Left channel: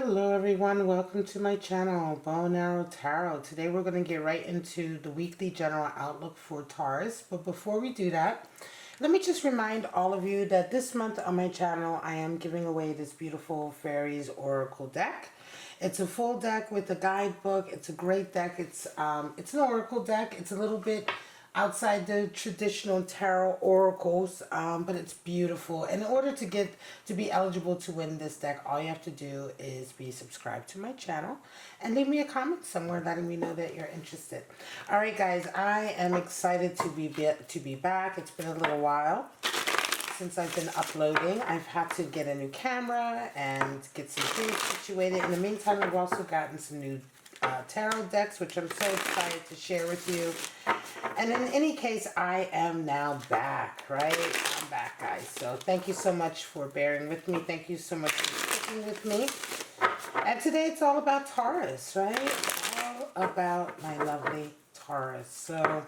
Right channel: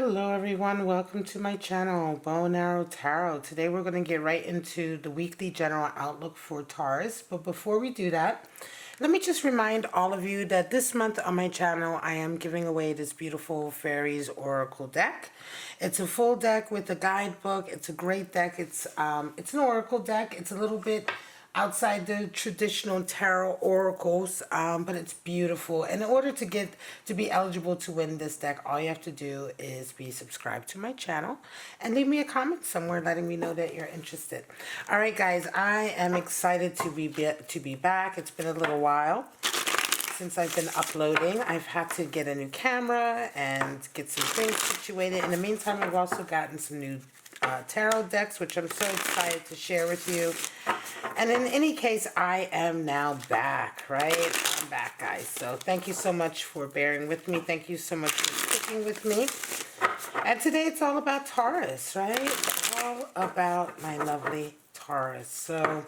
Hello everyone, welcome to my channel, Bow and Arrow Tarot. Today we're going to get right into the weekly general outlook for Taurus. But before we do that, let me just remind all of you that this month on my channel I am giving away this beautiful Fairies Oracle deck. It's a full deck with a guidebook. It's a great deck. It's an oracle deck. It's a little bit outside the traditional tarot oracles, but it's beautiful. In order to be eligible to win this deck, all you have to do is be subscribed to my channel and leave me a comment somewhere letting me know that you're interested. All right, guys, I am excited to be back. It's been a little while since I've been uploading. I've had to get a new camera and get some things situated. In the meantime, I've also gotten some new tarot decks, which I'm so excited to share with you. And in any case, I am now back, right? I'm back, guys. So thank you so much for bearing with me. Thank you so much for sticking with me. And today it's all about Taurus, right? All about my lovely Taurus. So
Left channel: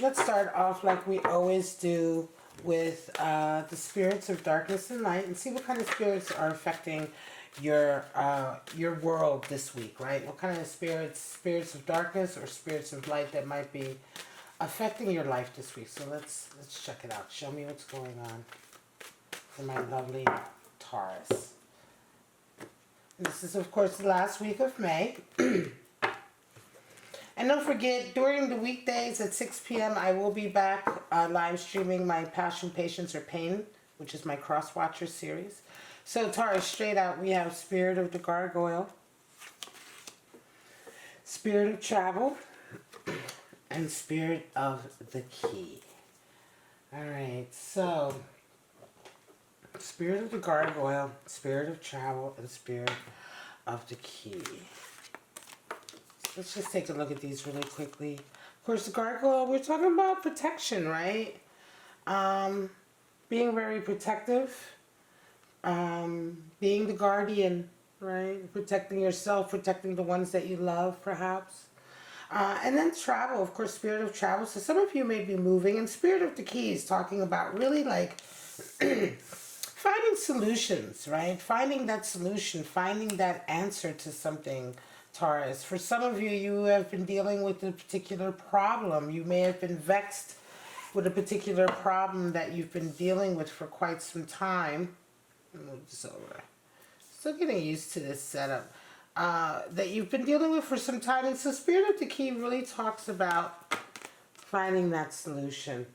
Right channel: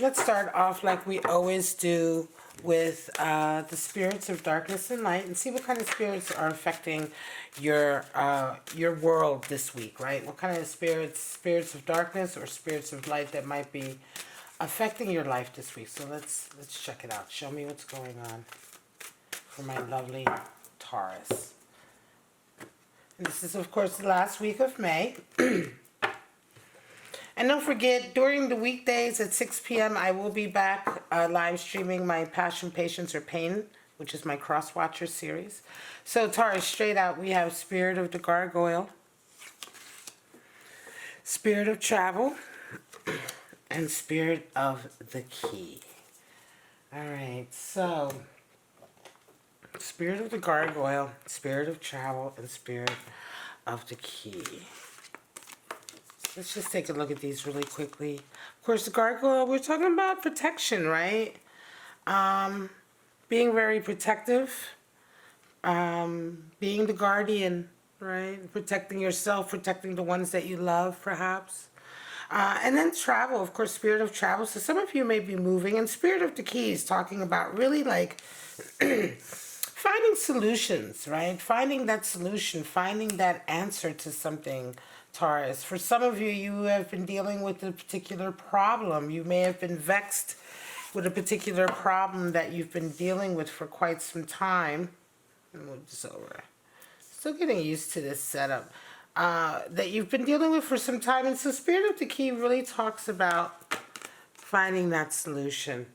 let's start off like we always do with the spirits of darkness and light, and see what kind of spirits are affecting your world this week, right? What kind of spirits of darkness or spirits of light that might be affecting your life this week. So let's check it out. Show me what's going on for my lovely Taurus. And this is, of course, the last week of May. And don't forget, during the weekdays at 6 p.m., I will be back live streaming my Passion, Patience, or Pain, which is my Cross Watcher series. So, Taurus, straight out, we have Spirit of the Gargoyle, Spirit of Travel, and Spirit of the Key. All right, so Spirit of the Gargoyle, Spirit of Travel, and Spirit of the Key. Let's just take a look at these really quickly. Of course, the gargoyle, we're talking about protection, right? Being very protective. Being the guardian, right? Protecting yourself, protecting the ones that you love, perhaps. And then travel, of course, Spirit of Travel. So some of you may be moving. And Spirit of the Key is talking about really like finding solutions, right? Finding that solution, finding that answer to something, Taurus. For some of you, you have been dealing with a particular problem. You may have been vexed with a particular problem that you've been dealing with for quite some time. Move this over. Still getting used to this setup. That you've been dealing with for some time. And so Spirit of the Key really talks about finding that solution.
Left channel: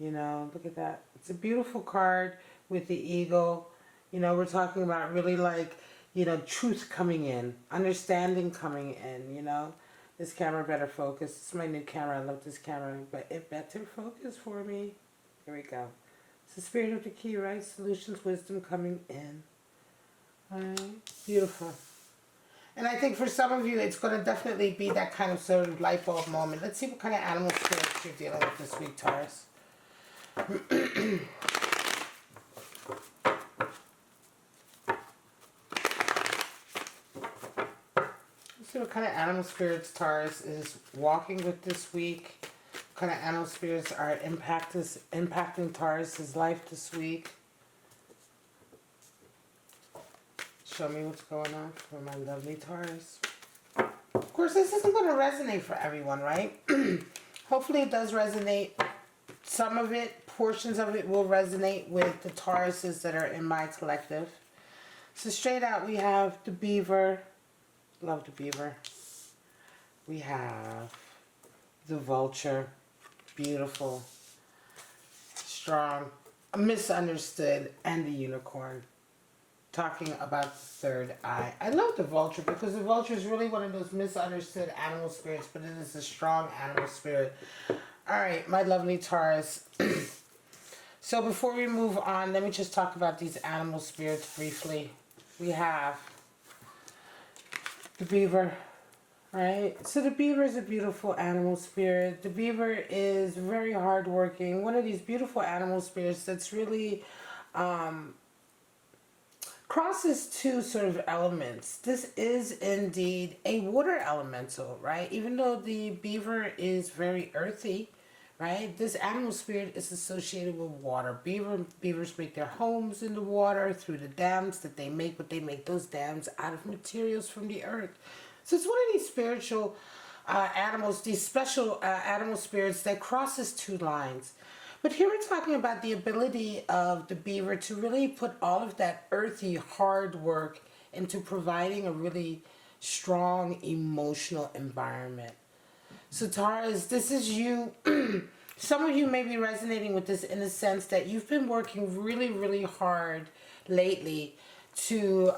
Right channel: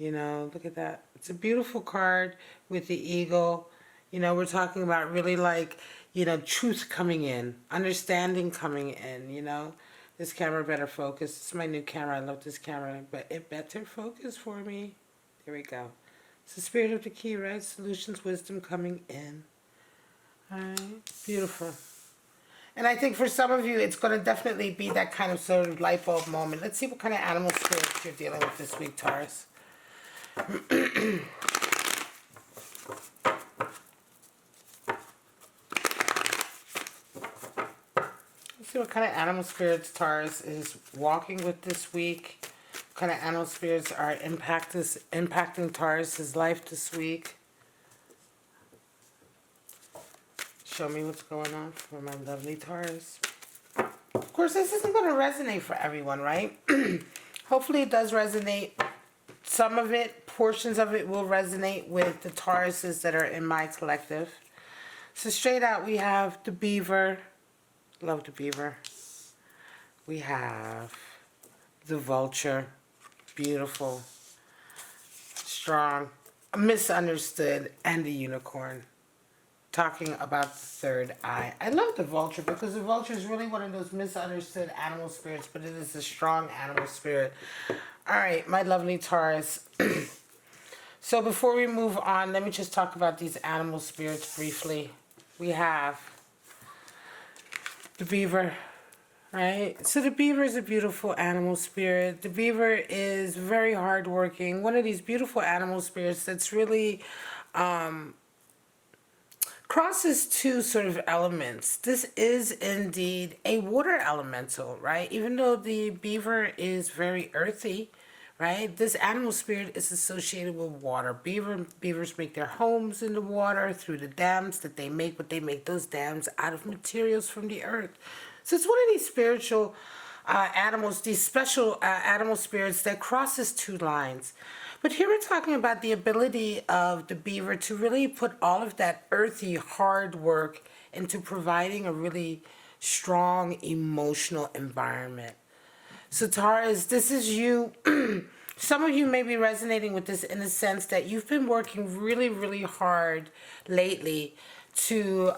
You know, look at that. It's a beautiful card with the eagle. You know, we're talking about really like, you know, truth coming in, understanding coming in, you know. This camera better focus. It's my new camera. I love this camera, but it better focus for me. There we go. It's the Spirit of the Key, right? Solutions, wisdom coming in. All right. Beautiful. And I think for some of you, it's going to definitely be that kind of sort of light bulb moment. Let's see what kind of animal spirits you're dealing with this week, Taurus. Let's see what kind of animal spirits Taurus is walking with this week. What kind of animal spirits are impacting Taurus's life this week. Show me what's going on for my lovely Taurus. Of course, this isn't going to resonate for everyone, right? Hopefully it does resonate. Some of it, portions of it will resonate with the Tauruses that are in my collective. So straight out, we have the beaver. Love the beaver. We have the vulture. Beautiful. Strong. Misunderstood. And the unicorn. Talking about the third eye. I love the vulture because the vulture is really one of those misunderstood animal spirits, but it is a strong animal spirit. Alright, my lovely Taurus. So before we move on, let me just talk about these animal spirits briefly. We have the beaver, right? So the beaver is a beautiful animal spirit. The beaver is very hardworking. One of these beautiful animal spirits that's really crosses two sort of elements. This is indeed a water elemental, right? Even though the beaver is very earthy, right? This animal spirit is associated with water. Beavers make their homes in the water through the dams that they make, but they make those dams out of materials from the earth. So it's one of these spiritual animals, these special animal spirits that crosses two lines. But here we're talking about the ability of the beaver to really put all of that earthy, hard work into providing a really strong emotional environment. So Taurus, this is you. Some of you may be resonating with this in the sense that you've been working really, really hard lately to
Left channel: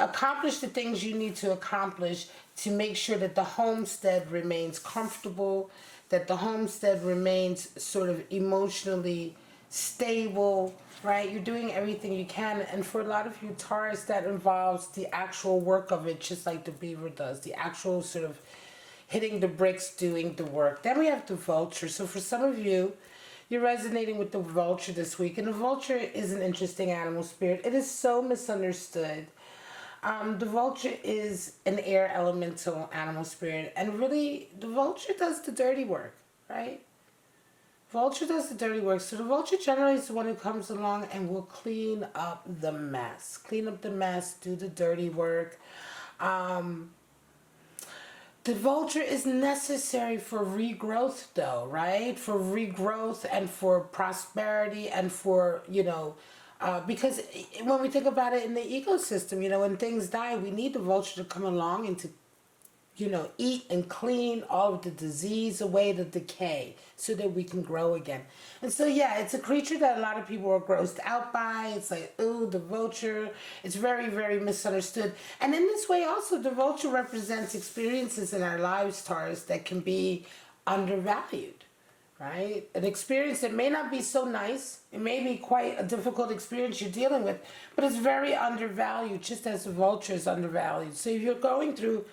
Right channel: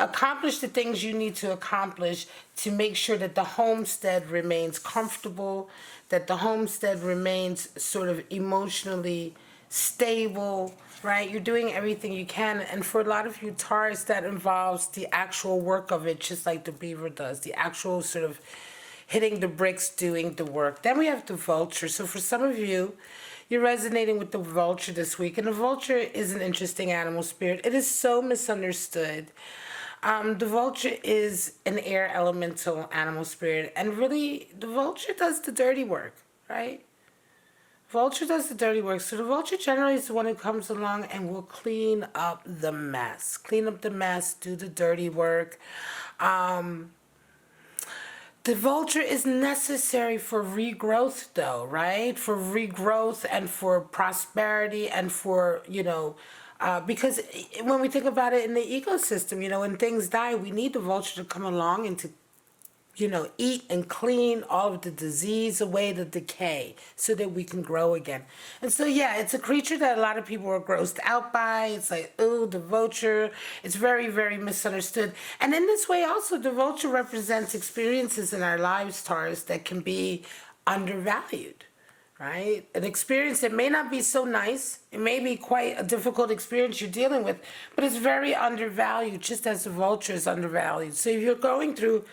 accomplish the things you need to accomplish to make sure that the homestead remains comfortable, that the homestead remains sort of emotionally stable, right? You're doing everything you can. And for a lot of you Taurus, that involves the actual work of it, just like the beaver does, the actual sort of hitting the bricks, doing the work. Then we have the vulture. So for some of you, you're resonating with the vulture this week. And the vulture is an interesting animal spirit. It is so misunderstood. The vulture is an air elemental animal spirit. And really, the vulture does the dirty work, right? Vulture does the dirty work. So the vulture generally is the one who comes along and will clean up the mess. Clean up the mess, do the dirty work. The vulture is necessary for regrowth, though, right? For regrowth and for prosperity and for, because when we think about it in the ecosystem, when things die, we need the vulture to come along and to eat and clean all of the disease away, the decay, so that we can grow again. And so, yeah, it's a creature that a lot of people are grossed out by. It's like, ooh, the vulture. It's very, very misunderstood. And in this way, also, the vulture represents experiences in our lives, Taurus, that can be undervalued, right? An experience that may not be so nice. It may be quite a difficult experience you're dealing with, but it's very undervalued, just as the vulture is undervalued. So if you're going through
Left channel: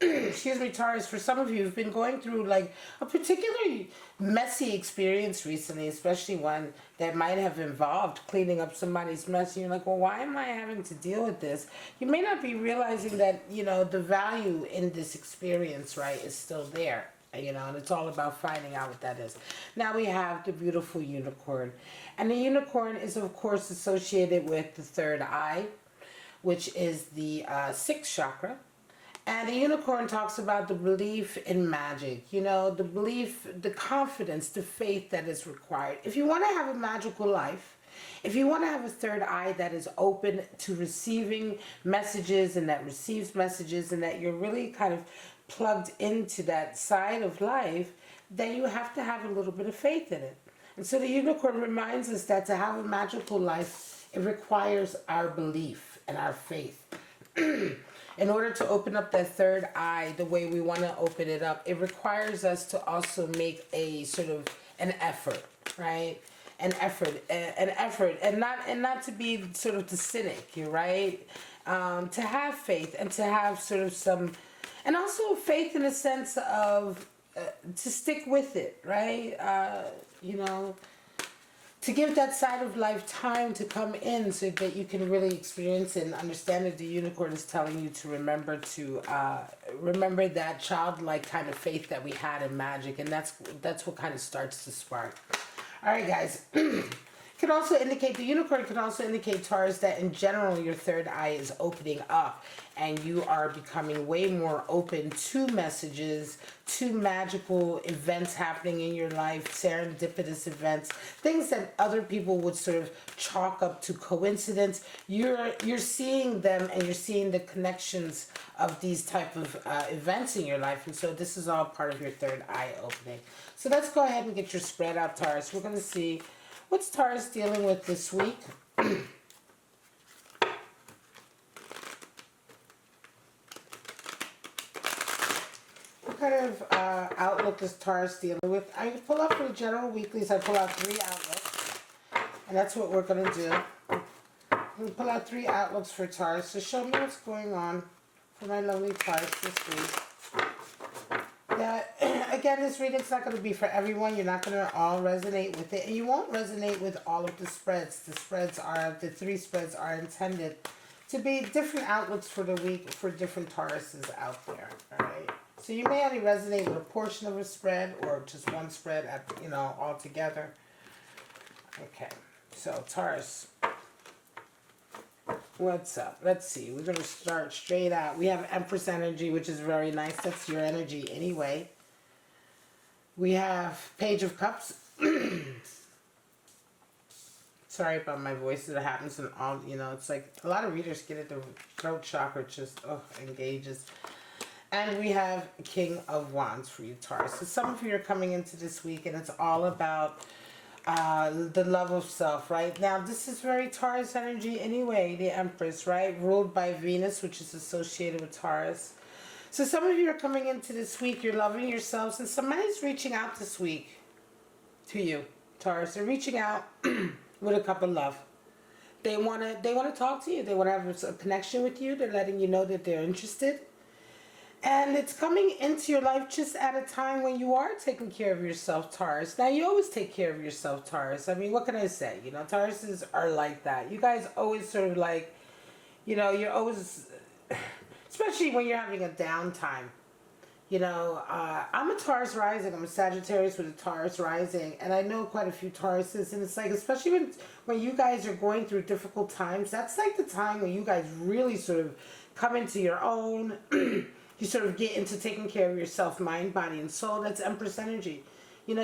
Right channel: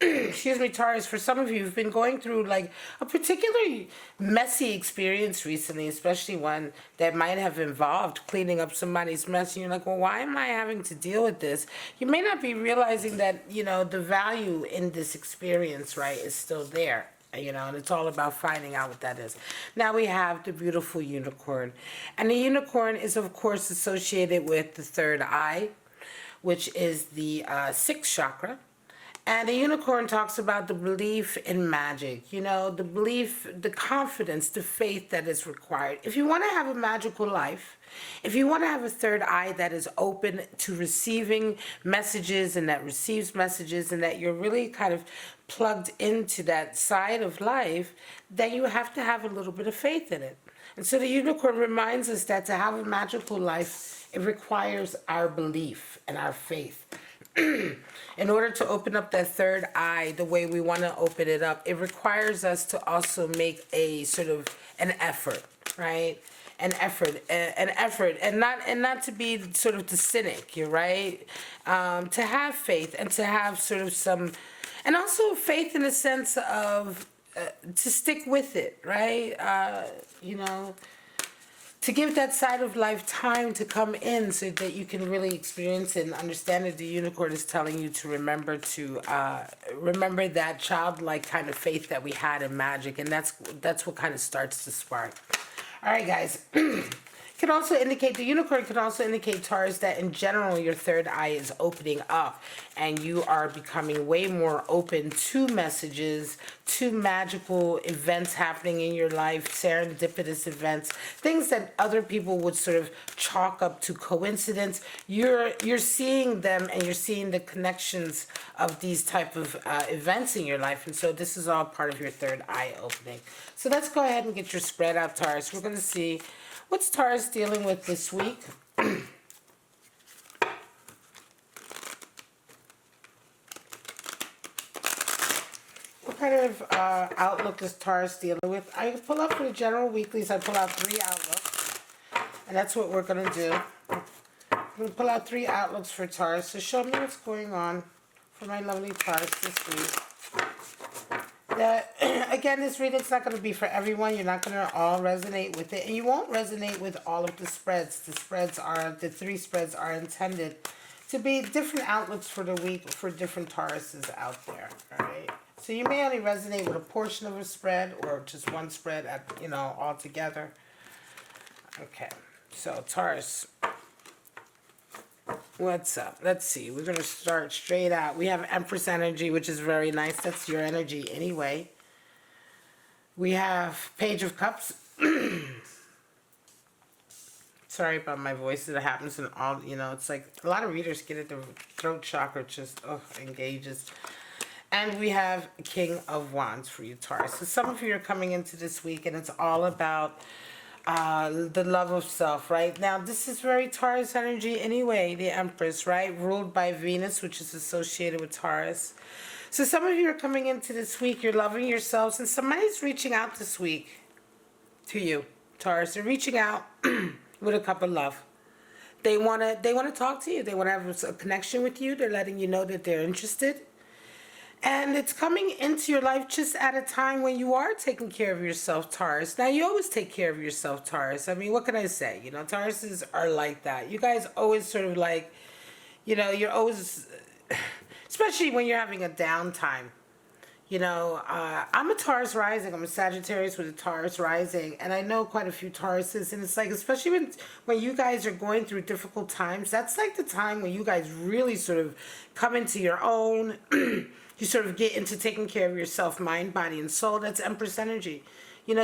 excuse me, Taurus, for some of you who've been going through like a particularly messy experience recently, especially one that might have involved cleaning up somebody's mess, and you're like, well, why am I having to deal with this? You may not be realizing that, the value in this experience, right, is still there. And it's all about finding out what that is. Now we have the beautiful unicorn. And the unicorn is, of course, associated with the third eye, which is the sixth chakra. And the unicorn talks about the belief in magic, the belief, the confidence, the faith that is required. If you want to have a magical life, if you want to have a third eye that is open to receiving messages and that receives messages and that you're really kind of plugged into that side of life, then you have to have a little bit of faith in it. And so the unicorn reminds us that to have a magical life, it requires our belief and our faith. In order to open up that third eye the way we want to open it up, it requires us to also make a sort of an effort, right? An effort, and not to be sort of the cynic, you're right. To have faith and to have sort of some, and also faith in the sense of to stick with it, right? To give that side of life time to come in so that you can really experience it and understand that the unicorn is telling you to remember that childlike kind of faith that we had in magic, and that's what kind of starts to spark. All right, guys. Can also indicate, the unicorn can also indicate, Taurus, that in general your third eye is opening up and you are becoming way more open to messages, to magical events happening in your life, serendipitous events, things that other people would sort of chalk up to coincidence. You're seeing them and you're seeing the connections of these type of events in your life, and so this is all part of your third eye opening. So let's go ahead and get your spread out, Taurus. We're going to see what's Taurus dealing with this week. What kind of outlook is Taurus dealing with? I pull up for the general weeklies. I pull out 3 outlooks, and that's what we're going to do. I'm going to pull out 3 outlooks for Taurus. So show me what's going on for my lovely Taurus this week. That, again, this reading's not going to be for everyone. You're not going to all resonate with it. And you won't resonate with all of the spreads. The 3 spreads are intended to be different outlooks for the week for different Tauruses out there. All right. So you may only resonate with a portion of a spread or just one spread at, all together. Okay. So Taurus, what's up? Let's see. We're going to start straight out. We have Empress energy, which is very nice. That's your energy anyway. We have Page of Cups. Sorry about my voice. It happens in all, it's like a lot of readers get it. The throat chakra just engages. And we have King of Wands for you, Taurus. So some of you are coming into this week and it's all about the love of self, right? Now, this is very Taurus energy anyway, the Empress, right? Ruled by Venus, which is associated with Taurus. So some of you are coming into this week, you're loving yourselves, and somebody's reaching out this week to you, Taurus. They're reaching out with a cup of love. They wanna talk to you. They wanna have a connection with you. They're letting you know that they're interested. And it's coming into your life just at a time when you are taking care of yourself, Taurus. Now, you always take care of yourself, Taurus. I mean, what can I say? Tauruses are like that. You guys always sort of like, you're always, especially when you're having a downtime. I'm a Taurus rising. I'm a Sagittarius with a Taurus rising. And I know quite a few Tauruses. And it's like, especially when you guys are going through difficult times, that's like the time when you guys really sort of come into your own. You sort of get into taking care of yourself, mind, body, and soul. That's Empress energy.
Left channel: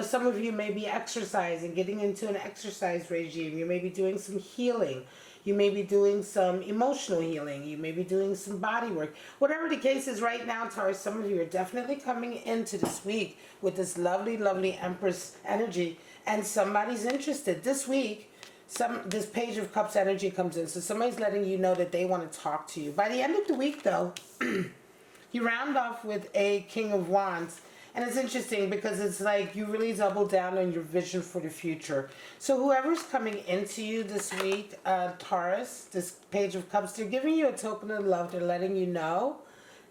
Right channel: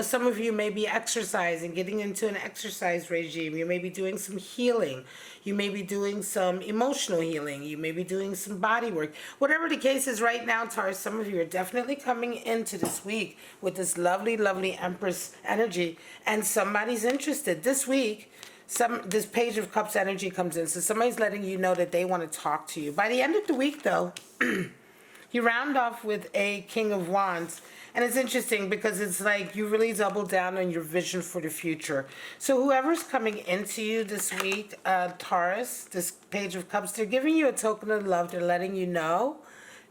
Some of you may be exercising, getting into an exercise regime. You may be doing some healing. You may be doing some emotional healing. You may be doing some body work. Whatever the case is right now, Taurus, some of you are definitely coming into this week with this lovely, lovely Empress energy. And somebody's interested. This week, this Page of Cups energy comes in. So somebody's letting you know that they want to talk to you. By the end of the week, though, you round off with a King of Wands. And it's interesting because it's like you really double down on your vision for the future. So whoever's coming into you this week, Taurus, this Page of Cups, they're giving you a token of love. They're letting you know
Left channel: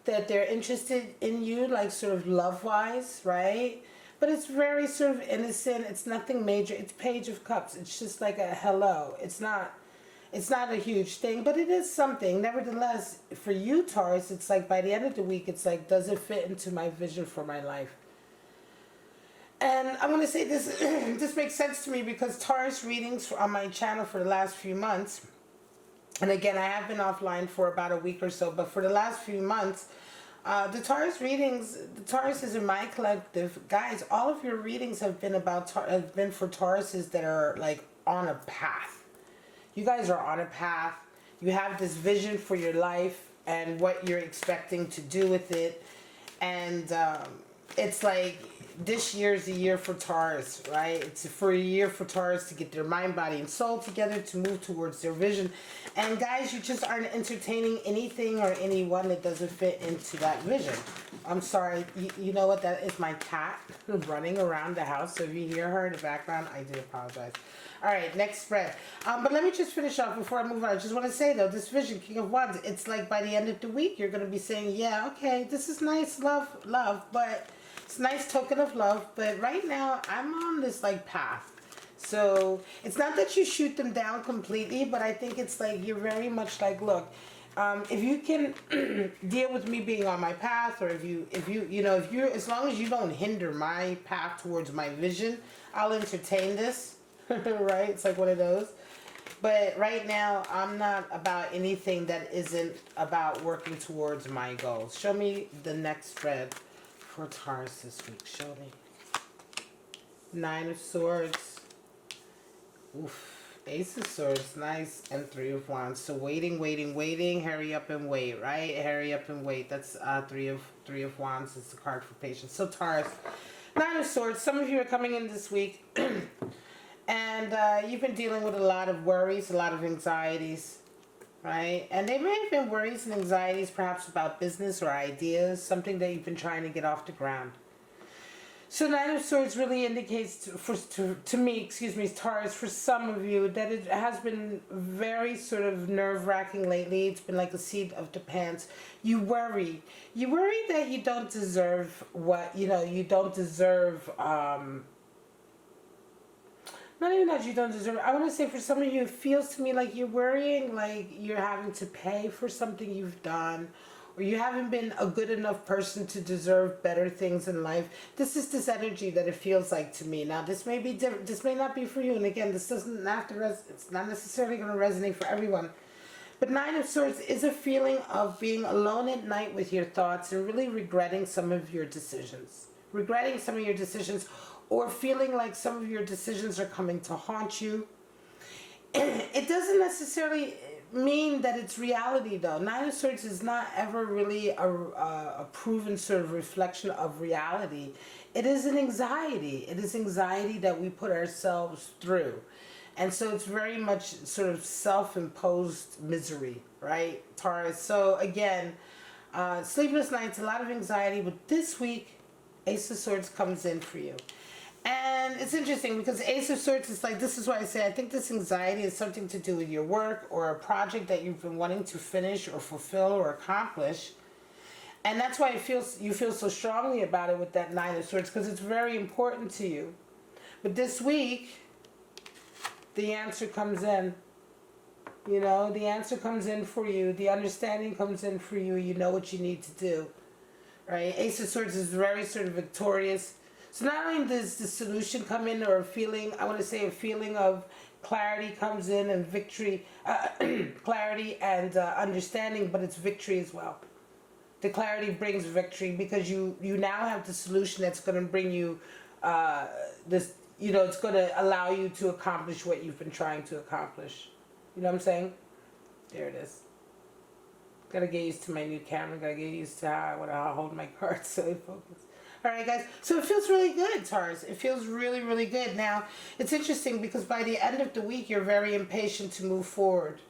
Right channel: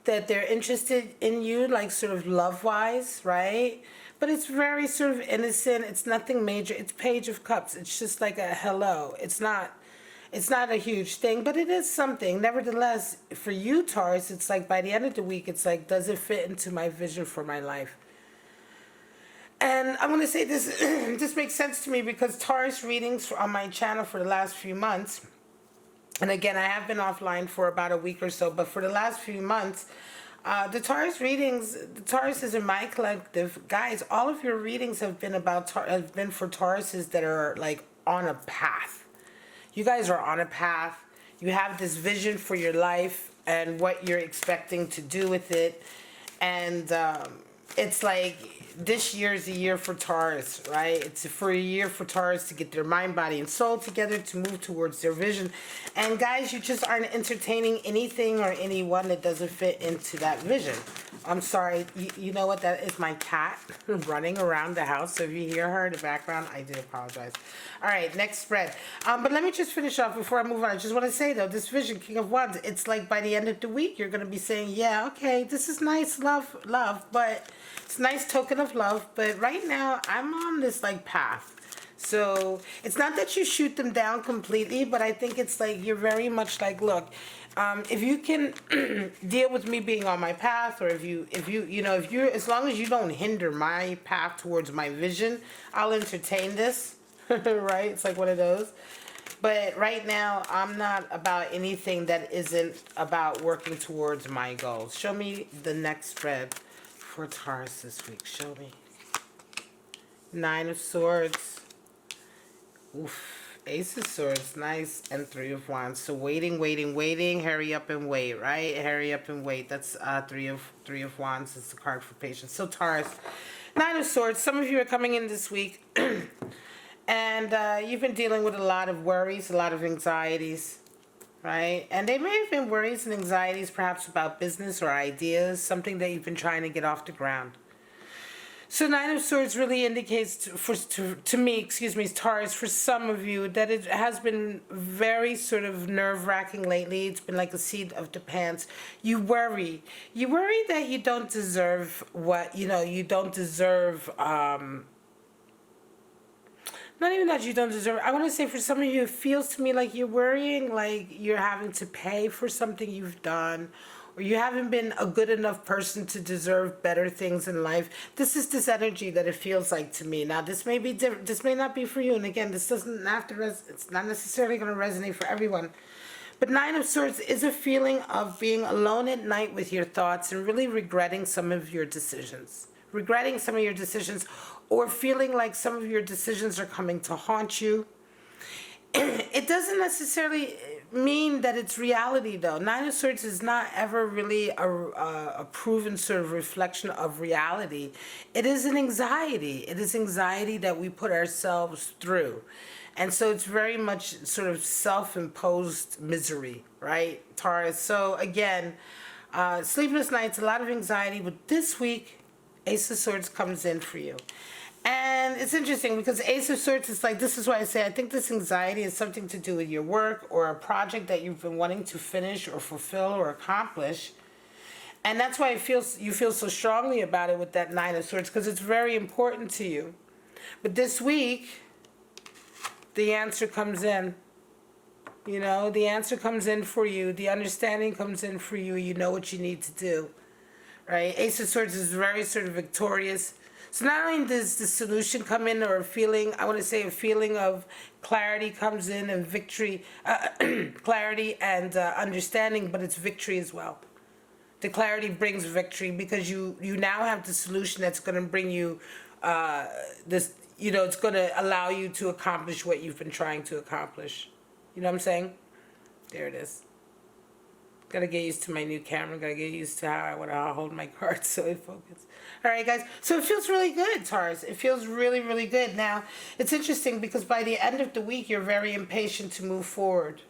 that they're interested in you, like sort of love-wise, right? But it's very sort of innocent. It's nothing major. It's Page of Cups. It's just like a hello. It's not a huge thing, but it is something. Nevertheless, for you, Taurus, it's like by the end of the week, it's like, does it fit into my vision for my life? And I'm going to say this, this makes sense to me because Taurus readings on my channel for the last few months, and again, I have been offline for about a week or so, but for the last few months, the Taurus readings, the Taurus is in my collective. Guys, all of your readings have been for Tauruses that are like on a path. You guys are on a path. You have this vision for your life and what you're expecting to do with it. And it's like this year is a year for Taurus, right? It's for a year for Taurus to get their mind, body, and soul together to move towards their vision. And guys, you just aren't entertaining anything or anyone that doesn't fit into that vision. I'm sorry. You know what? That is my cat running around the house. So if you hear her in the background, I do apologize. All right, next spread. But let me just finish off before I move on. I just want to say, though, this vision, King of Wands, it's like by the end of the week, you're going to be saying, yeah, okay, this is nice, love, but it's a nice token of love. But right now, I'm on this, like, path. So it's not that you shoot them down completely, but I think it's like you're very much like, look, if you can deal with me being on my path, or if you as long as you don't hinder my path towards my vision, I'll entertain this. Right? It's like one of those. But right now, I'm not about anything that isn't about working towards my goals. Show me the next spread for Taurus this week. Show me. 9 of Swords. Oof. Ace of Swords, nice, and 3 of Wands. So waiting, hurry up and wait, right? Hurry up and wait. That's 3 of Wands. It's the card for patience. So Taurus, 9 of Swords. Some of you are coming in this week, and you've been dealing with a lot of worries, a lot of anxieties, right? And they may have been worries and anxieties, perhaps about business or ideas, something that you've been trying to get off the ground. So 9 of Swords really indicates to me, Taurus, for some of you, that it has been very sort of nerve-wracking lately. It's been like a seat of the pants. You worry. You worry that you don't deserve you don't deserve, not even that you don't deserve. I want to say for some of you, it feels to me like you're worrying like you're having to pay for something you've done, or you haven't been a good enough person to deserve better things in life. This is this energy that it feels like to me. Now, this may be different. This may not be for you. And again, this doesn't have to, it's not necessarily going to resonate for everyone. But Nine of Swords is a feeling of being alone at night with your thoughts and really regretting some of your decisions. Regretting some of your decisions, or feeling like some of your decisions are coming to haunt you. It doesn't necessarily mean that it's reality, though. Nine of Swords is not ever really a proven sort of reflection of reality. It is an anxiety. It is anxiety that we put ourselves through. And so it's very much sort of self-imposed misery, right, Taurus? So again, sleepless nights, a lot of anxiety. But this week, Ace of Swords comes in for you. And it's interesting because Ace of Swords is like, this is why I say I think this anxiety is something to do with your work or a project that you've been wanting to finish or fulfill or accomplish. And that's why you feel so strongly about it with that Nine of Swords, because it's very important to you. But this week, the answer comes in. You know, the answer comes in for you. The understanding comes in for you. You know what you need to do. Right? Ace of Swords is very sort of victorious. So not only does the solution come in, or a feeling, I want to say a feeling of clarity comes in, and victory, clarity and understanding, but it's victory as well. The clarity brings victory because you now have the solution that's going to bring you this, you know, it's going to allow you to accomplish what you've been trying to accomplish. You know what I'm saying? There it is. Gotta get used to my new camera. Gotta get used to how I want to hold my cards so it focuses. All right, guys. So it feels really good, Taurus. It feels really, really good. Now, it's interesting because by the end of the week, you're very impatient to move forward.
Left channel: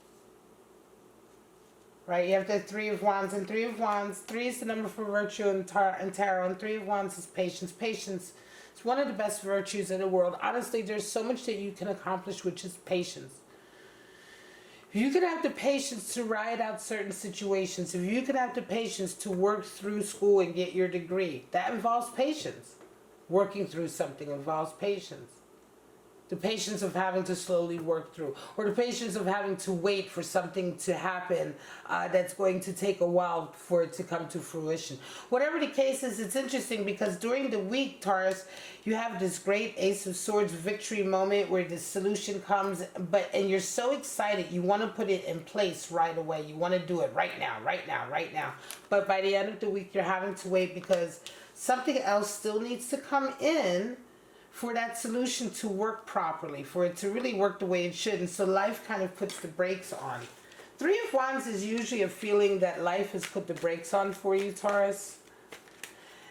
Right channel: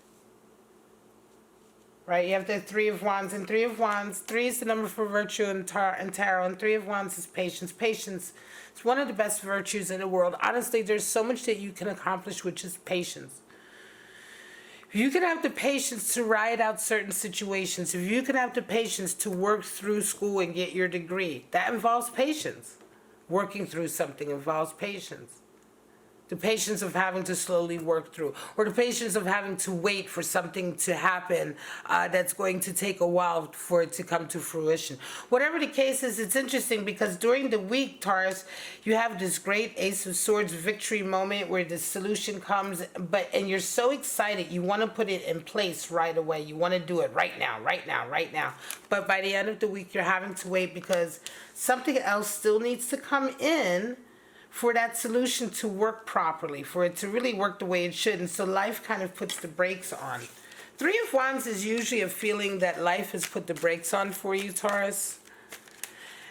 Right? You have the Three of Wands. And Three of Wands, 3 is the number for virtue and tarot. And Three of Wands is patience. Patience is one of the best virtues in the world. Honestly, there's so much that you can accomplish with just patience. If you can have the patience to ride out certain situations, if you can have the patience to work through school and get your degree, that involves patience. Working through something involves patience. The patience of having to slowly work through, or the patience of having to wait for something to happen that's going to take a while for it to come to fruition. Whatever the case is, it's interesting because during the week, Taurus, you have this great Ace of Swords victory moment where the solution comes, and you're so excited, you want to put it in place right away. You want to do it right now, right now, right now. But by the end of the week, you're having to wait because something else still needs to come in for that solution to work properly, for it to really work the way it should. And so life kind of puts the brakes on. Three of Wands is usually a feeling that life has put the brakes on for you, Taurus.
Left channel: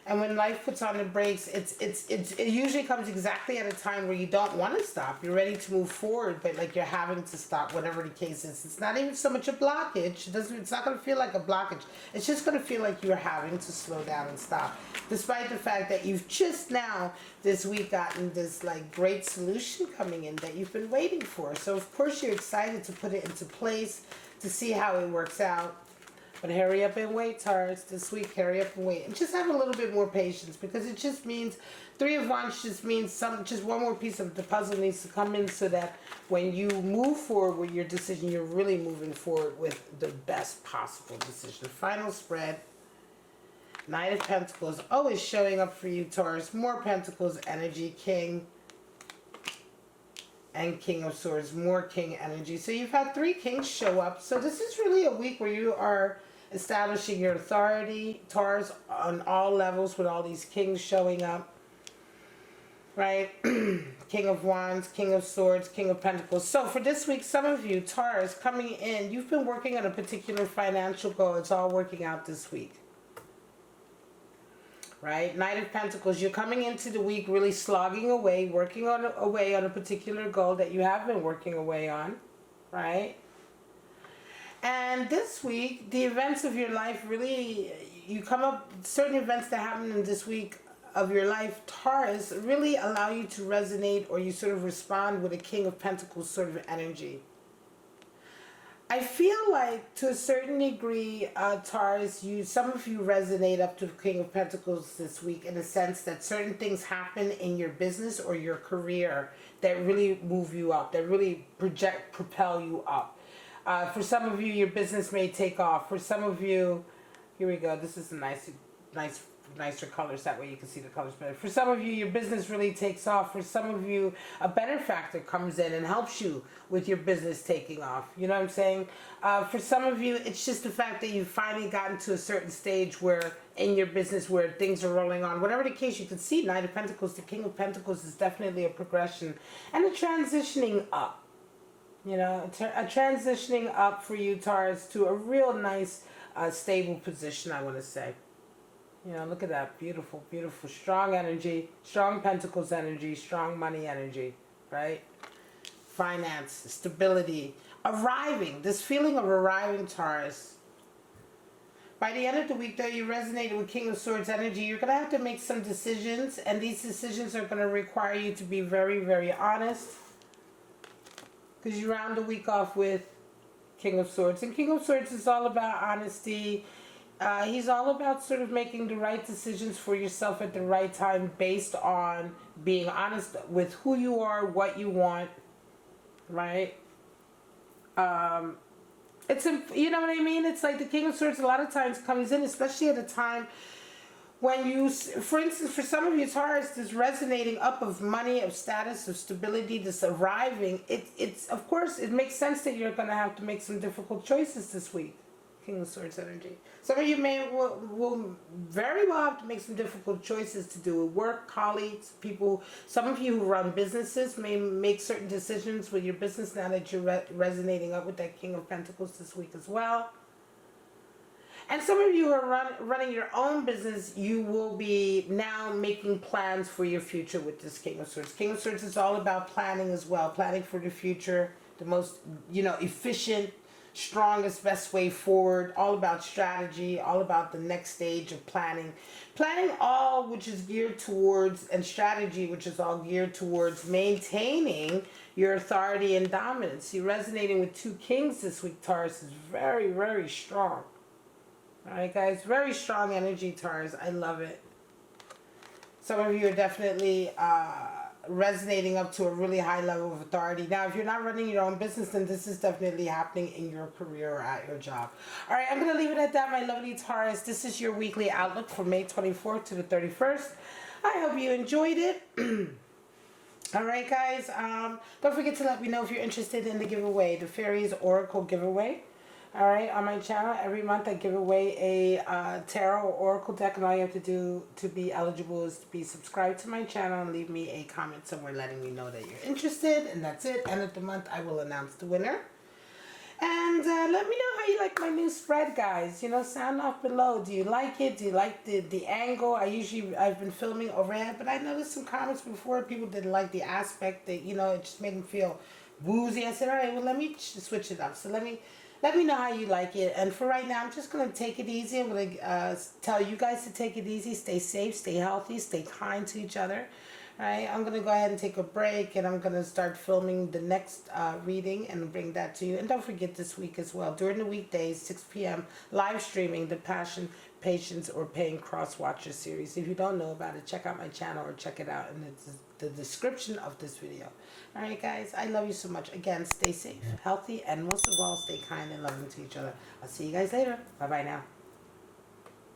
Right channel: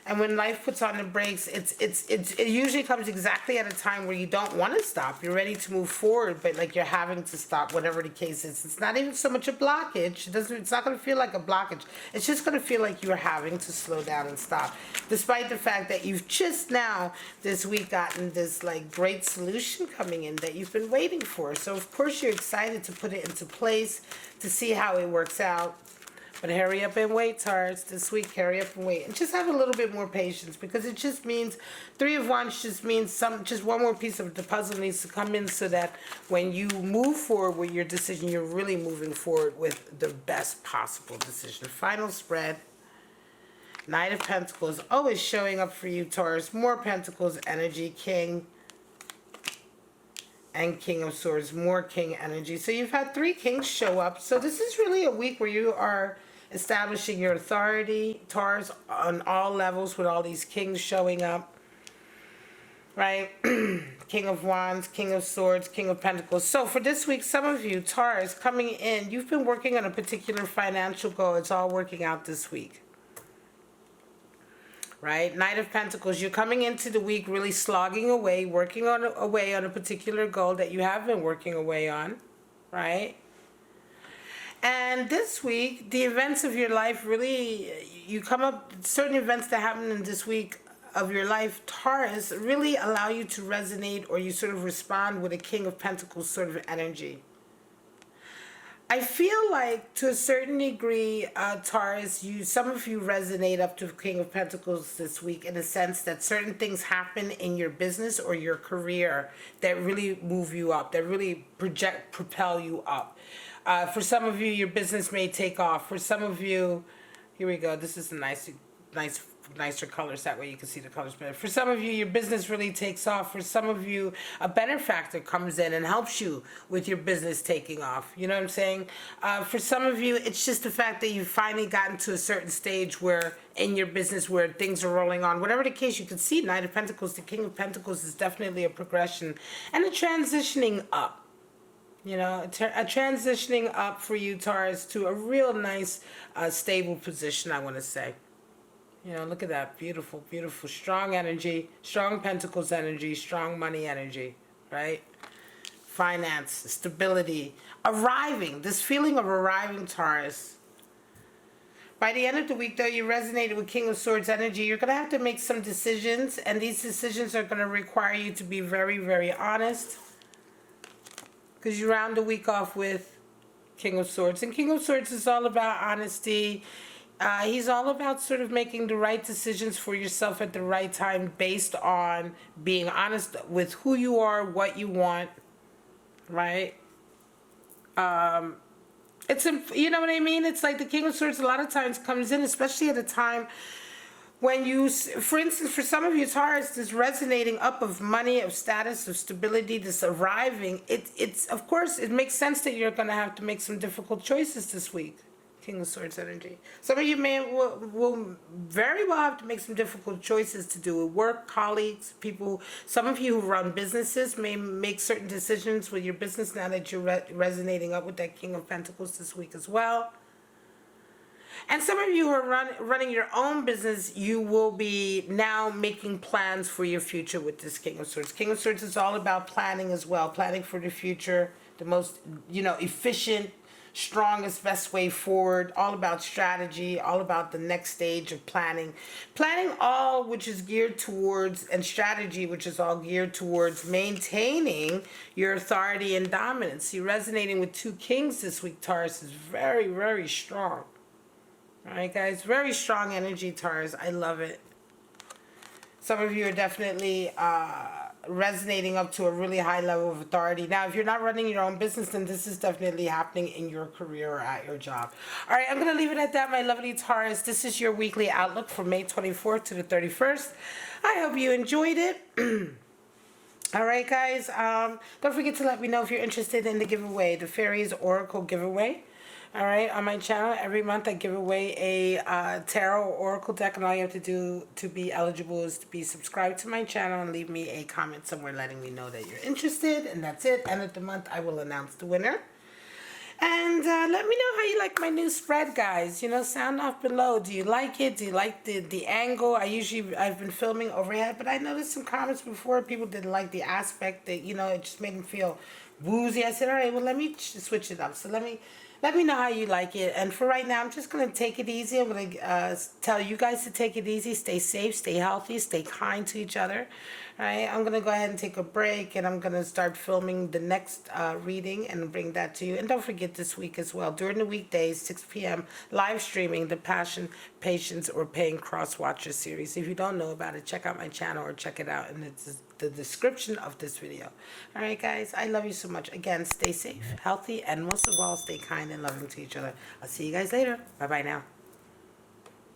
And when life puts on the brakes, it usually comes exactly at a time where you don't want to stop. You're ready to move forward, but like you're having to stop, whatever the case is. It's not even so much a blockage. It's not going to feel like a blockage. It's just going to feel like you're having to slow down and stop. Despite the fact that you've just now this week gotten this like great solution coming in that you've been waiting for. So of course you're excited to put it into place, to see how it works out. But hurry up and wait, Taurus. This week, hurry up and wait. And just have a little bit more patience, because it just means, Three of Wands just means just one more piece of the puzzle needs to come in so that when you move forward with your decision, you're really moving forward with the best possible decision. Final spread. Knight of Pentacles, always showing up for you, Taurus. More Pentacles energy, King and King of Swords, more King energy. So you've had 3 Kings show up. So this is really a week where you are establishing your authority, Taurus, on all levels with all these Kings showing up. Right? King of Wands, King of Swords, King of Pentacles. So for this week, some of you, Taurus, coming in, you've been working on a particular financial goal. It's all working out this week. Right? Knight of Pentacles, you're coming into the week really slogging away, working away on a particular goal that you have been working away on. Right? And this week, the events of your life really, you come up, certain events that happen in this week of your life, Taurus, really allow you to resonate, or you sort of respond with a King of Pentacles sort of energy. I feel like to a certain degree, Taurus, some of you resonate up to King of Pentacles this week, in the sense that certain things happen in your business or your career that really move you up, that really propel you up. For some of you, your business may take off. For some of you, Here we go. This is a nicer colors. That way you can see the colors better. For some of you, your business really takes off. For some of you, a benefactor comes in and helps you with your business taking off. You know what I'm saying? For some of you, it's just the fact that you've finally gotten to a certain stage where in your business where things are rolling on. Whatever the case, you can see Knight of Pentacles, the King of Pentacles is definitely a progression and a transitioning up. You know, a transitioning up for you, Taurus, to a real nice, stable position, I want to say. You know, look at that. Beautiful, beautiful. Strong energy, strong Pentacles energy, strong money energy, right? Finance, stability, arriving. This feeling of arriving, Taurus. By the end of the week, though, you resonated with King of Swords energy. You're going to have to make some decisions, and these decisions are going to require you to be very, very honest. Because you round the week off with King of Swords. And King of Swords is all about honesty. He's all about sort of making the right decisions for yourself at the right time based on being honest with who you are, what you want, right? You know what I mean? It's like the King of Swords a lot of times comes in, especially at a time when you, for instance, for some of you, Taurus, this resonating up of money, of status, of stability, this arriving, it's of course, it makes sense that you're going to have to make some difficult choices this week. King of Swords energy. Some of you will very well have to make some difficult choices to do with work, colleagues, people. Some of you who run businesses may make certain decisions with your business now that you're resonating up with that King of Pentacles this week as well. And some of you who are running your own business, you will be now making plans for your future with this King of Swords. King of Swords is all about planning as well, planning for the future, the most, efficient, strongest, best way forward, all about strategy, all about the next stage of planning. Planning all which is geared towards, and strategy which is all geared towards maintaining your authority and dominance. You're resonating with two kings this week, Taurus, is very, very strong. All right, guys, very strong energy, Taurus. I love it. Some of you are definitely resonating up to a really high level of authority. Now, if you're not running your own business, then this is definitely happening in your career or at your job. All right, I'm going to leave it at that, my lovely Taurus. This is your weekly outlook from May 24th to the 31st. I hope you enjoyed it. All right, guys, don't forget to let me know if you're interested in the giveaway, the Fairies Oracle giveaway. All right, on my channel, every month I give away a tarot or oracle deck, and all you have to do to be eligible is to be subscribed to my channel and leave me a comment somewhere letting me know that you're interested, and that's it. End of the month, I will announce the winner. And let me know how you like my new spread, guys. Sound off below. Do you like it? Do you like the angle? I've been filming overhead, but I noticed some comments before. People didn't like the aspect that, it just made them feel woozy. I said, all right, well, let me switch it up. So let me know how you like it. And for right now, I'm just going to take it easy. I'm going to tell you guys to take it easy. Stay safe, stay healthy, stay kind to each other. All right, I'm going to go ahead and take a break, and I'm going to start filming the next reading and bring that to you. And don't forget this week as well, during the weekdays, 6 p.m., live streaming the Passion, Patience, or Pain Cross Watcher series. If you don't know about it, check out my channel or check it out in the description of this video. All right, guys, I love you so much. Again, stay safe, healthy, and most of all, stay kind and loving to each other. I'll see you guys later. Bye-bye now.